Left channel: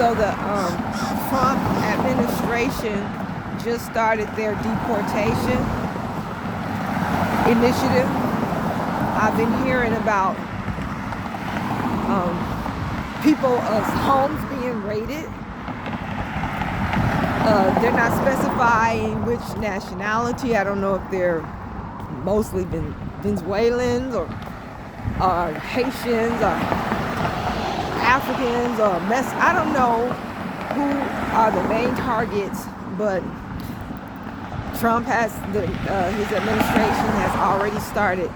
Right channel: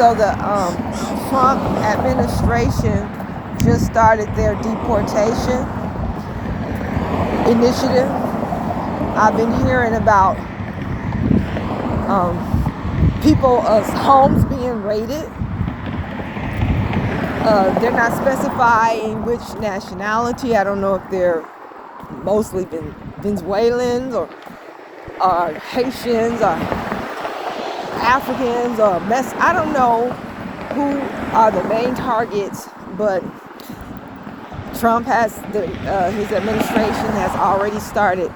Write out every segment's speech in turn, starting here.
So the Trump administration just started their deportation initiative. I've been hearing about people's homes being raided. They're not specifying which nationality. I don't know if they're mostly Venezuelans or Haitians or Africans or I don't know who are the main targets, but Trump has his administration has already started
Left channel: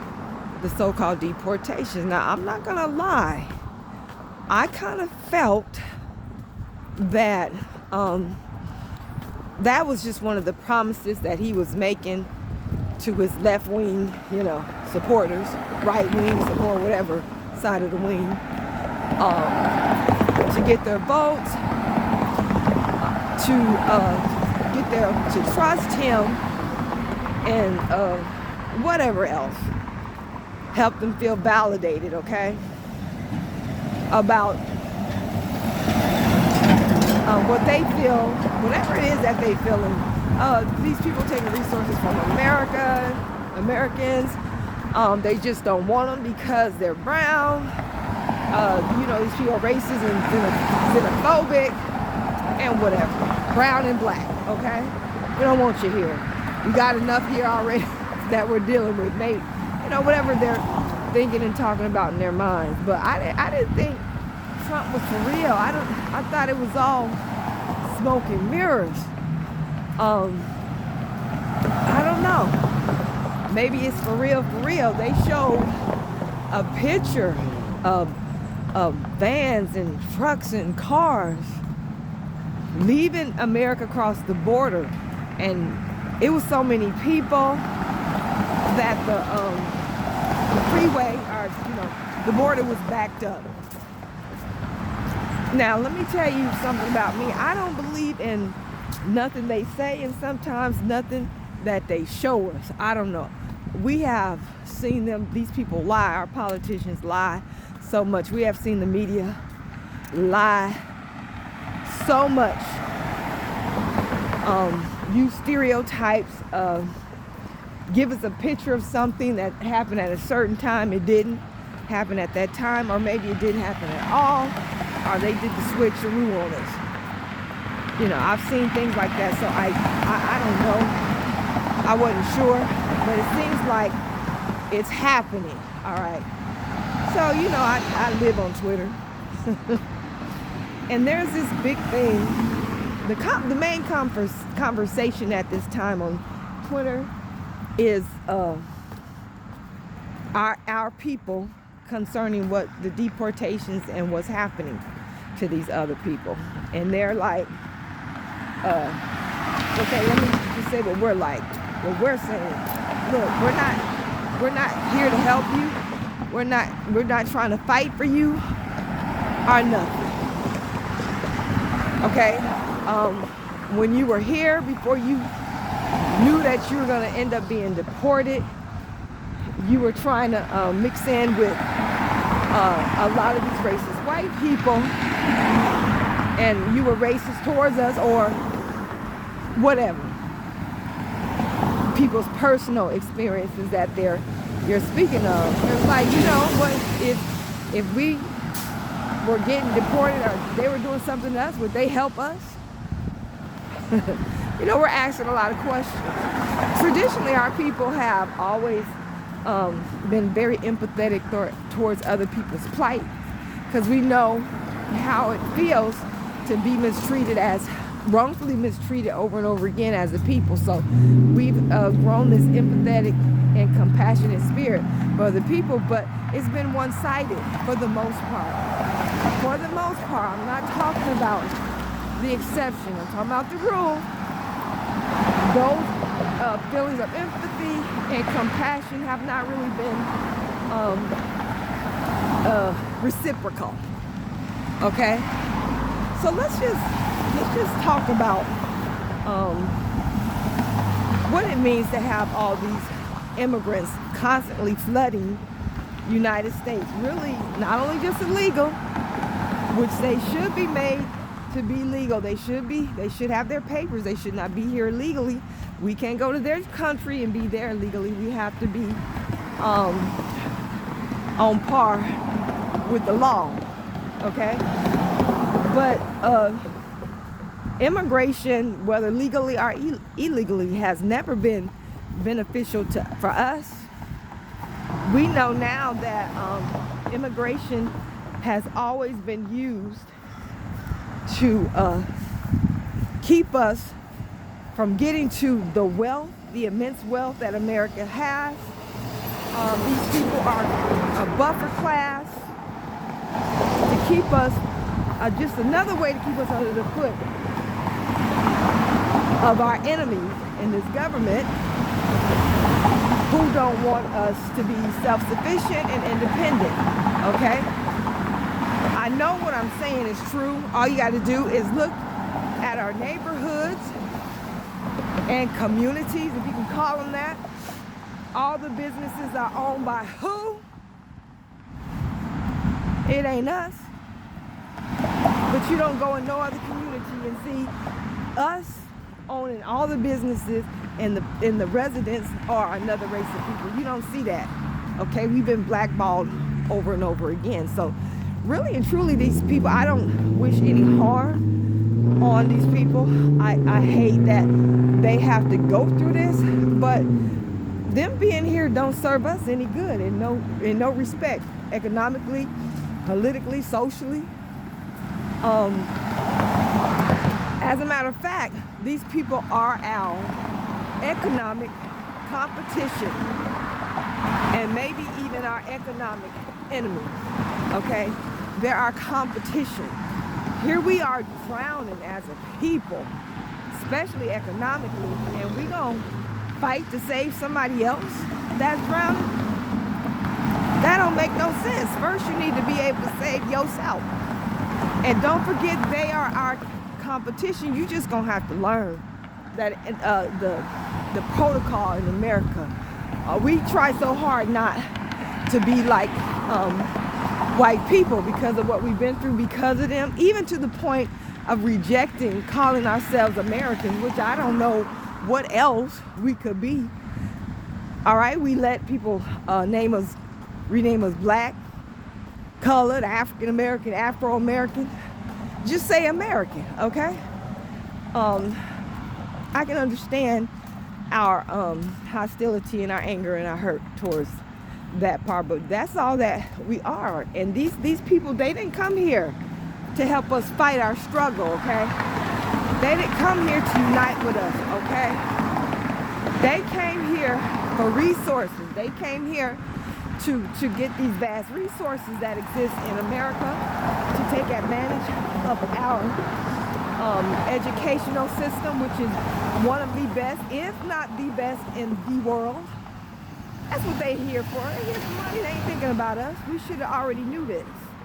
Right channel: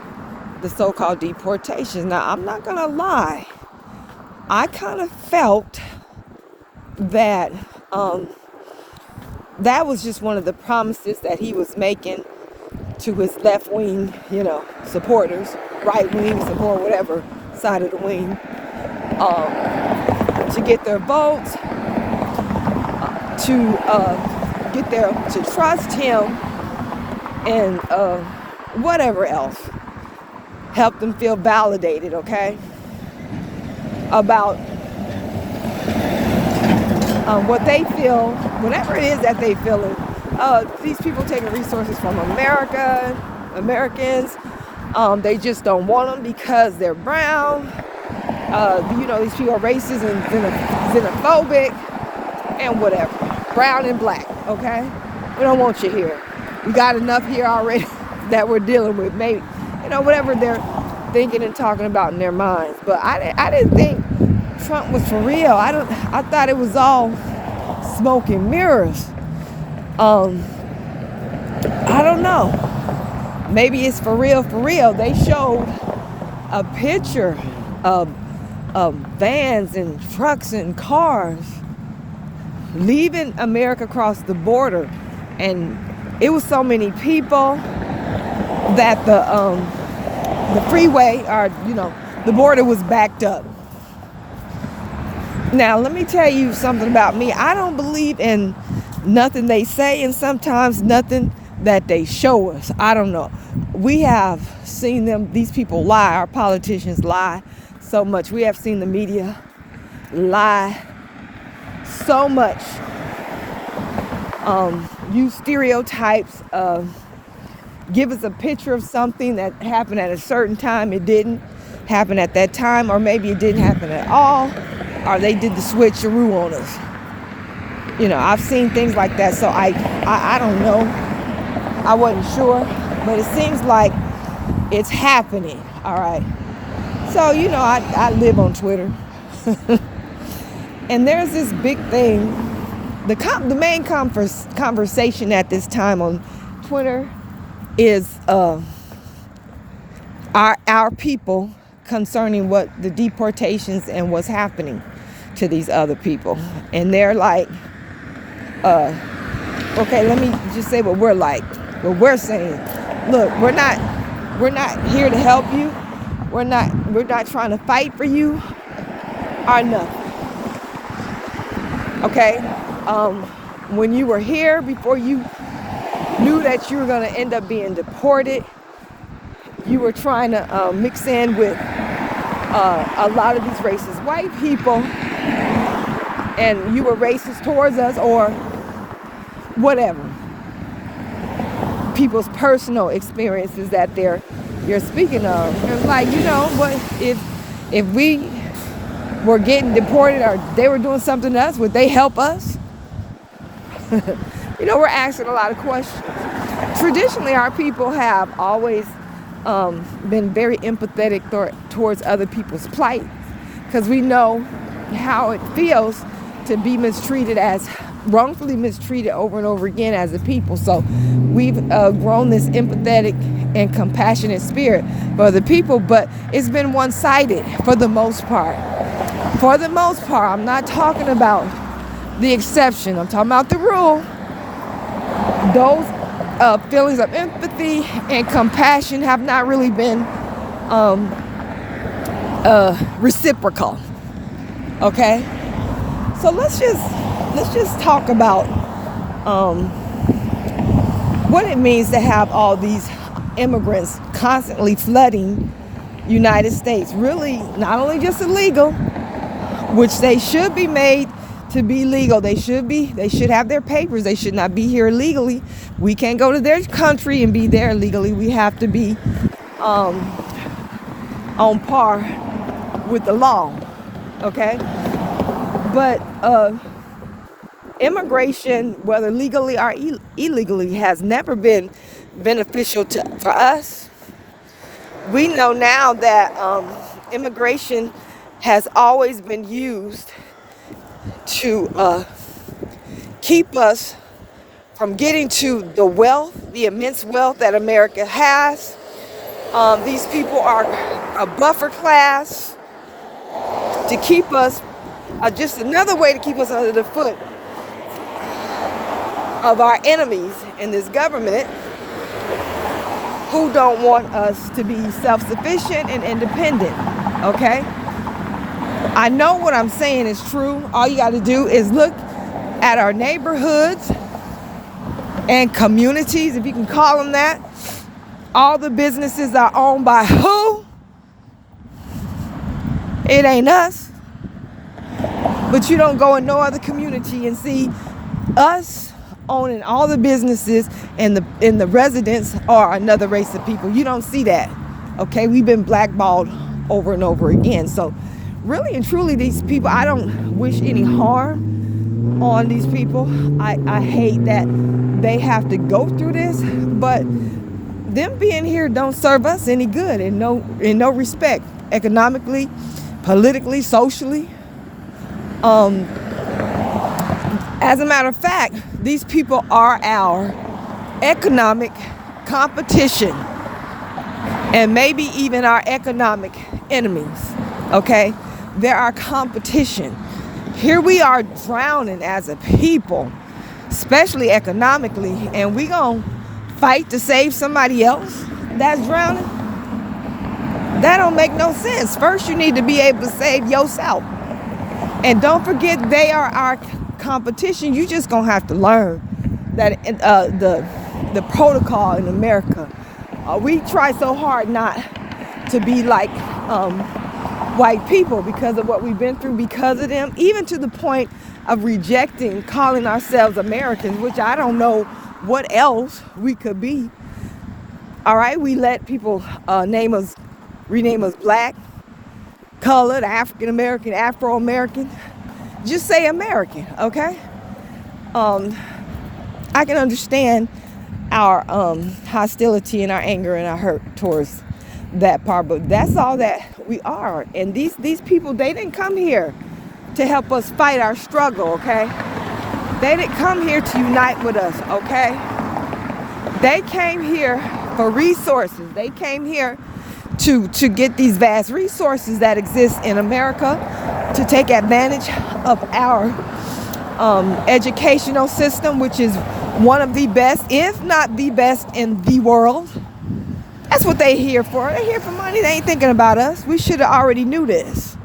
the so-called deportations. Now, I'm not gonna lie, I kind of felt that that was just one of the promises that he was making to his left-wing, supporters, right-wing support, whatever side of the wing, to get their votes, to trust him, and whatever else, help them feel validated, okay, about what they feel, whatever it is that they feeling. These people taking resources from Americans. They just don't want them because they're brown. These people are racist and xenophobic and whatever. Brown and black, okay? We don't want you here. We got enough here already that we're dealing with. Maybe, whatever they're thinking and talking about in their minds. But I didn't think Trump was for real. I thought it was all smoke and mirrors. I don't know. Maybe it's for real, for real. They showed a picture of vans and trucks and cars leaving America across the border, and it was so many people that the freeway, or the border was backed up. Now, let me tell you something about me. I don't believe in nothing they say, and sometimes nothing that they show us. I don't know. We have seen these people lie. Our politicians lie so much. We have seen the media lie so much. Use stereotypes. Give us a picture of something that happened at a certain time. It didn't happen at that time, or maybe it didn't happen at all, or they did the switcheroo on us. I've seen things like that, so I don't know. I wasn't sure, but it seems like it's happening. All right. So, I live on Twitter. And there's this big thing. The main conversation at this time on Twitter is our people concerning what the deportations and what's happening to these other people. And they're like, okay, let me just say what we're like. What we're saying. Look, we're not here to help you. We're not trying to fight for you or nothing. Okay? When you were here, before you knew that you were going to end up being deported, you were trying to mix in with a lot of these racist white people, and you were racist towards us, or whatever. People's personal experiences that you're speaking of. It's like, what if we were getting deported, or they were doing something to us, would they help us? We're asking a lot of questions. Traditionally, our people have always been very empathetic towards other people's plight, because we know how it feels to be wrongfully mistreated over and over again as a people. So we've grown this empathetic and compassionate spirit for the people, but it's been one-sided for the most part. For the most part, I'm not talking about the exception. I'm talking about the rule. Those feelings of empathy and compassion have not really been reciprocal. Okay, so let's just talk about what it means to have all these immigrants constantly flooding United States. Really, not only just illegal, which they should be made to be legal. They should have their papers. They should not be here illegally. We can't go to their country and be there illegally. We have to be on par with the law, okay? But immigration, whether legally or illegally, has never been beneficial for us. We know now that immigration has always been used to keep us from getting to the wealth, the immense wealth that America has. These people are a buffer class to keep us, just another way to keep us under the foot of our enemies in this government, who don't want us to be self-sufficient and independent, okay? I know what I'm saying is true. All you got to do is look at our neighborhoods and communities, if you can call them that. All the businesses are owned by who? It ain't us. But you don't go in no other community and see us owning all the businesses, and the residents are another race of people. You don't see that, okay? We've been blackballed over and over again. So really and truly, these people, I don't wish any harm on these people. I hate that they have to go through this, but them being here don't serve us any good in no respect, economically, politically, socially. As a matter of fact, these people are our economic competition, and maybe even our economic enemies, okay? They're our competition. Here we are drowning as a people, especially economically, and we gonna fight to save somebody else that's drowning? That don't make no sense. First, you need to be able to save yourself. And don't forget, they are our competition. You just gonna have to learn that the protocol in America. We try so hard not to be like white people because of what we've been through, because of them, even to the point of rejecting calling ourselves Americans, which I don't know what else we could be. All right, we let people rename us black, colored, African American, Afro American. Just say American, okay? I can understand our hostility and our anger and our hurt towards that part, but that's all that we are. And these people, they didn't come here to help us fight our struggle, okay? They didn't come here to unite with us, okay? They came here for resources. They came here to get these vast resources that exist in America, to take advantage of our educational system, which is one of the best, if not the best, in the world. That's what they're here for. They're here for money. They ain't thinking about us. We should have already knew this.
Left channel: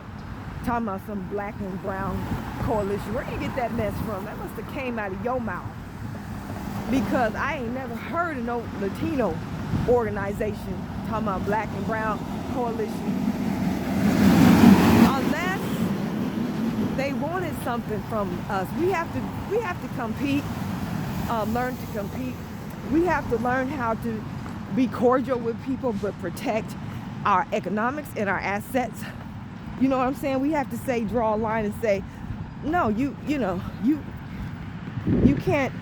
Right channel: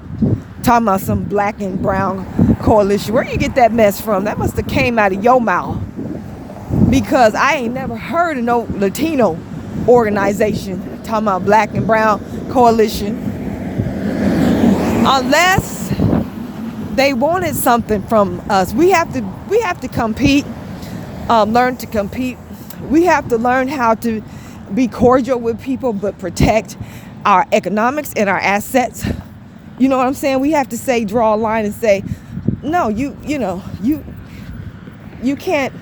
Talking about some black and brown coalition. Where you get that mess from? That must have came out of your mouth. Because I ain't never heard of no Latino organization talking about black and brown coalition. Unless they wanted something from us. We have to compete, learn to compete. We have to learn how to be cordial with people, but protect our economics and our assets. You know what I'm saying? We have to draw a line and say, no, you can't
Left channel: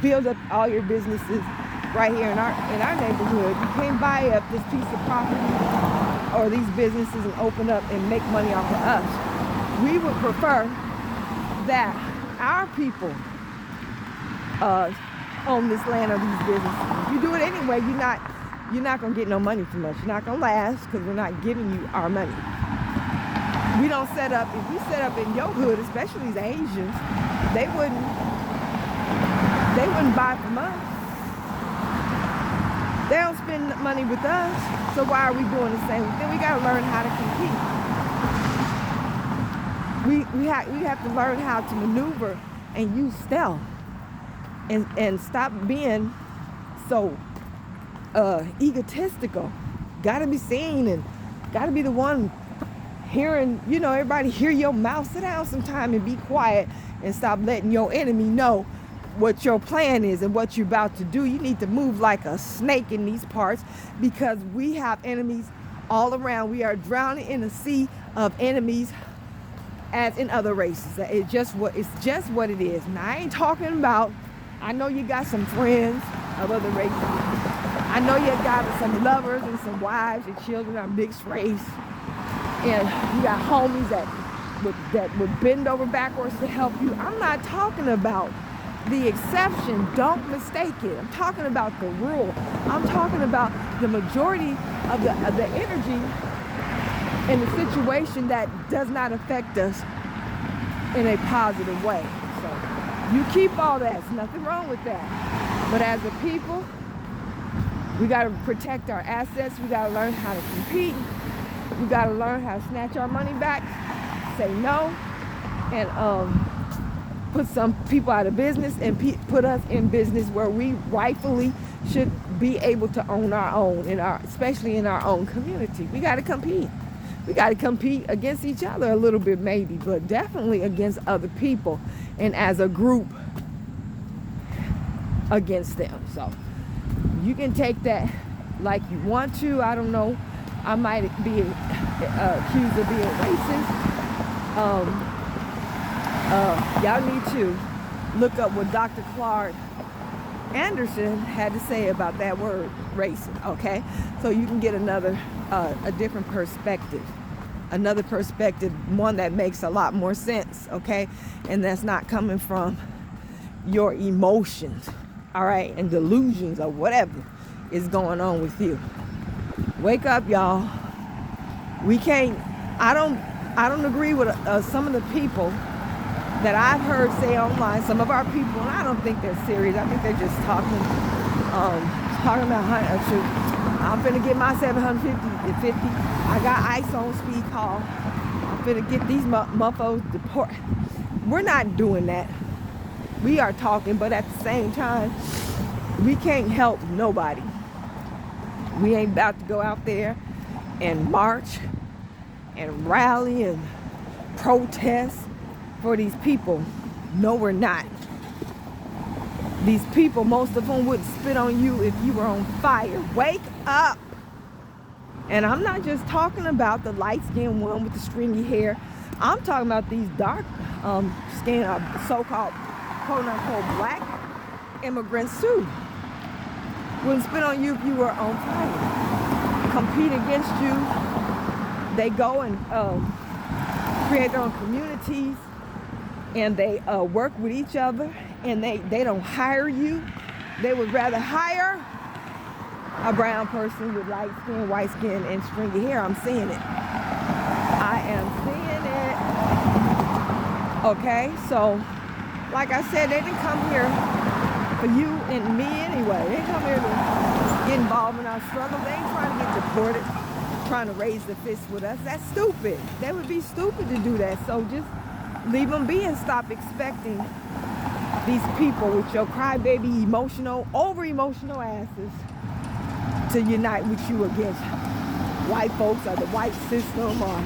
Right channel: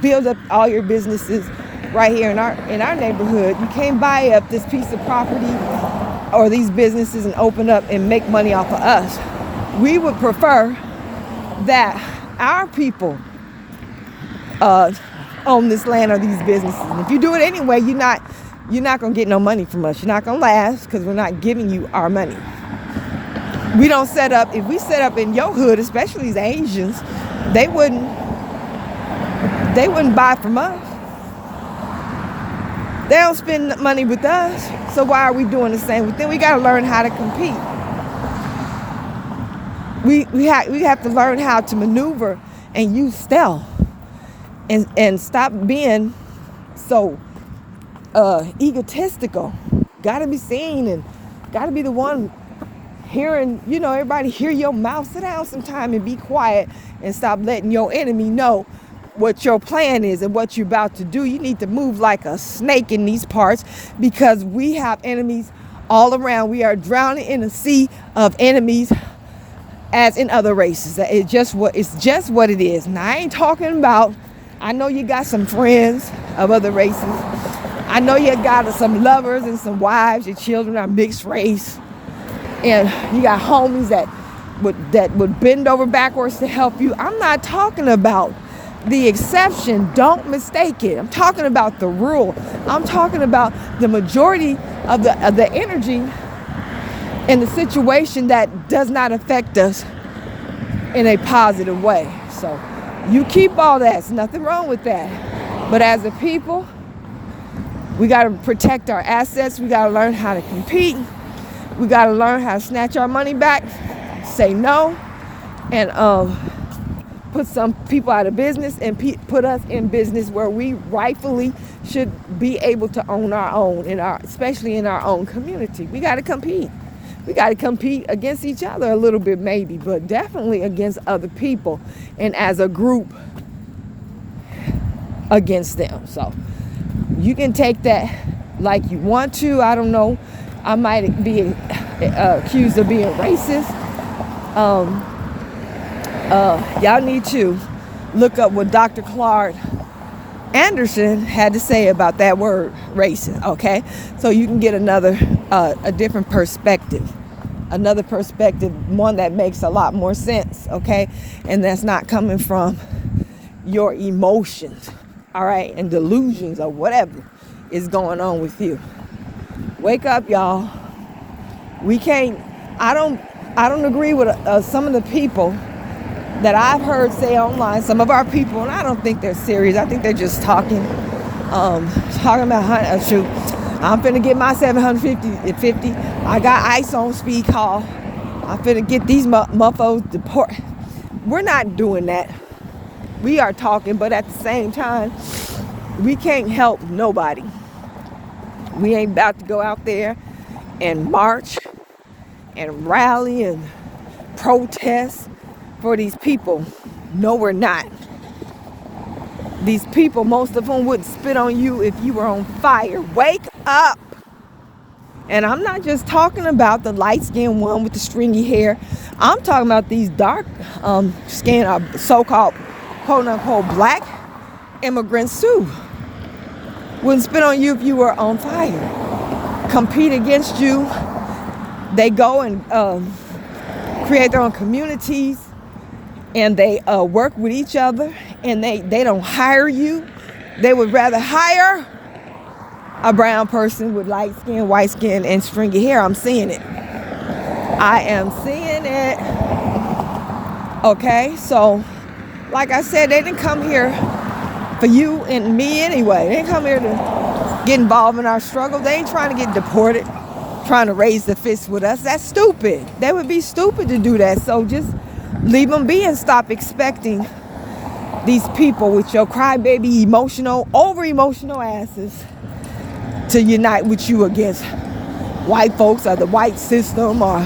build up all your businesses right here in our neighborhood. You can't buy up this piece of property or these businesses and open up and make money off of us. We would prefer that our people own this land or these businesses. If you do it anyway, you're not gonna get no money from us. You're not gonna last because we're not giving you our money. We don't set up. If we set up in your hood, especially as Asians, they wouldn't buy from us. They don't spend money with us, so why are we doing the same? Then we got to learn how to compete. We have to learn how to maneuver and use stealth, and stop being so egotistical. Got to be seen and got to be the one hearing, everybody hear your mouth. Sit down sometime and be quiet and stop letting your enemy know what your plan is and what you're about to do. You need to move like a snake in these parts, because we have enemies all around. We are drowning in a sea of enemies, as in other races. It's just what it is. Now, I ain't talking about, I know you got some friends of other races. I know you got some lovers and some wives. Your children are mixed race. And you got homies that would bend over backwards to help you. I'm not talking about the exception. Don't mistake it. I'm talking about the rule. I'm talking about the majority of the energy in the situation that does not affect us in a positive way. So you keep all that. There's nothing wrong with that. But as a people, we got to protect our assets. We got to learn how to compete. We got to learn how to snatch our money back, say no, and put some people out of business and put us in business where we rightfully should be able to own our own, especially in our own community. We got to compete. We got to compete against each other a little bit maybe, but definitely against other people and as a group against them. So you can take that like you want to. I don't know. I might be accused of being racist. Y'all need to look up what Dr. Clark Anderson had to say about that word racist, okay? So you can get a different perspective, one that makes a lot more sense, okay? And that's not coming from your emotions, all right, and delusions or whatever is going on with you. Wake up, y'all. We can't. I don't agree with some of the people that I've heard say online. Some of our people, and I don't think they're serious. I think they're just talking about shoot. I'm finna get my 750. I got ICE on speed call. I'm finna get these muffos deported. We're not doing that. We are talking, but at the same time, we can't help nobody. We ain't about to go out there and march and rally and protest for these people. No, we're not. These people, most of them would spit on you if you were on fire. Wake up. And I'm not just talking about the light-skinned one with the stringy hair. I'm talking about these dark skinned, so-called, quote-unquote, black immigrants too. Wouldn't spit on you if you were on fire. Compete against you. They go and create their own communities, and they work with each other, and they don't hire you. They would rather hire a brown person with light skin, white skin, and stringy hair. I'm seeing it. I am seeing it. Okay, so like I said, they didn't come here for you and me anyway. They didn't come here to get involved in our struggle. They ain't trying to get deported, trying to raise the fist with us. That's stupid. They would be stupid to do that. So just leave them be and stop expecting these people with your crybaby over-emotional asses to unite with you against white folks or the white system or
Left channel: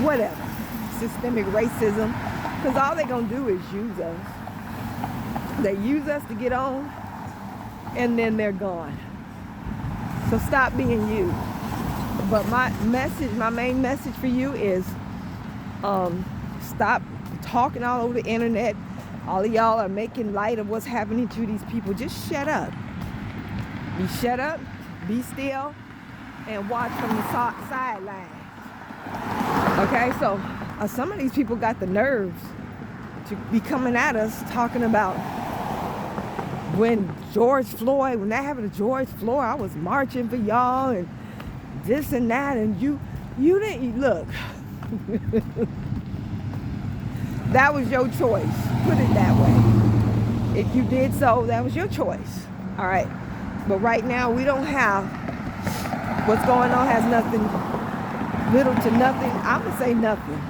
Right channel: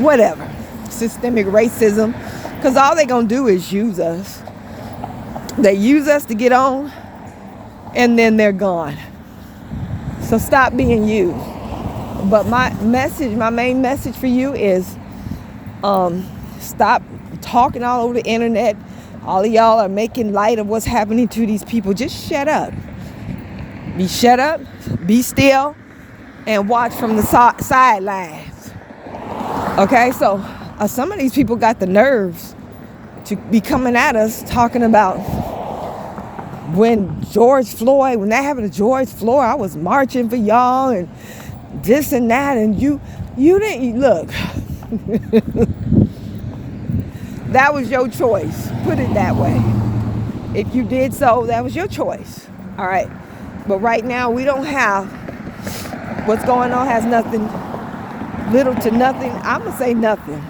whatever, systemic racism, because all they're going to do is use us. They use us to get on, and then they're gone. So stop being used. But my main message for you is stop talking all over the internet. All of y'all are making light of what's happening to these people. Just shut up. Shut up, be still, and watch from the sidelines. Okay, so some of these people got the nerves to be coming at us talking about when that happened to George Floyd, I was marching for y'all and this and that, and you didn't look. That was your choice. Put it that way. If you did so, that was your choice. All right. But right now, we don't have, what's going on has nothing, little to nothing, I'm going to say nothing,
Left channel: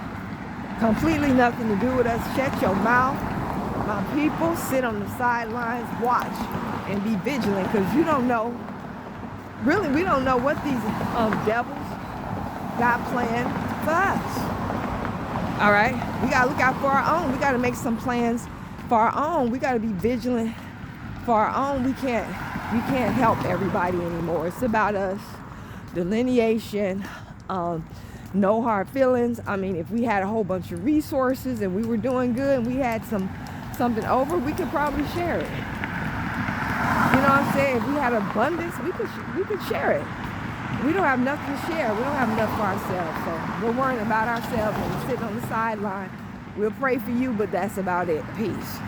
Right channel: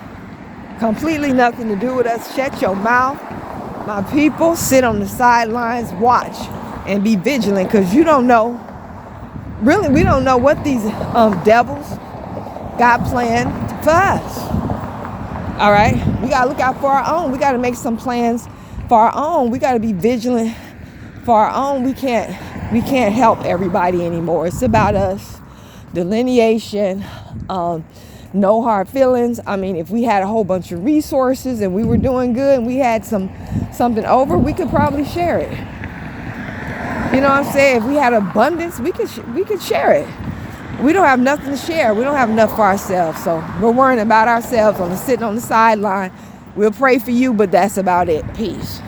completely nothing to do with us. Shut your mouth. My people, sit on the sidelines, watch, and be vigilant, because you don't know, really, we don't know what these devils got planned for us. All right? We got to look out for our own. We got to make some plans for our own. We got to be vigilant for our own. We can't help everybody anymore. It's about us. Delineation, no hard feelings. I mean, if we had a whole bunch of resources and we were doing good and we had something over, we could probably share it. You know what I'm saying? If we had abundance, we could share it. We don't have nothing to share. We don't have enough for ourselves. So we're worrying about ourselves, sitting on the sideline. We'll pray for you, but that's about it. Peace.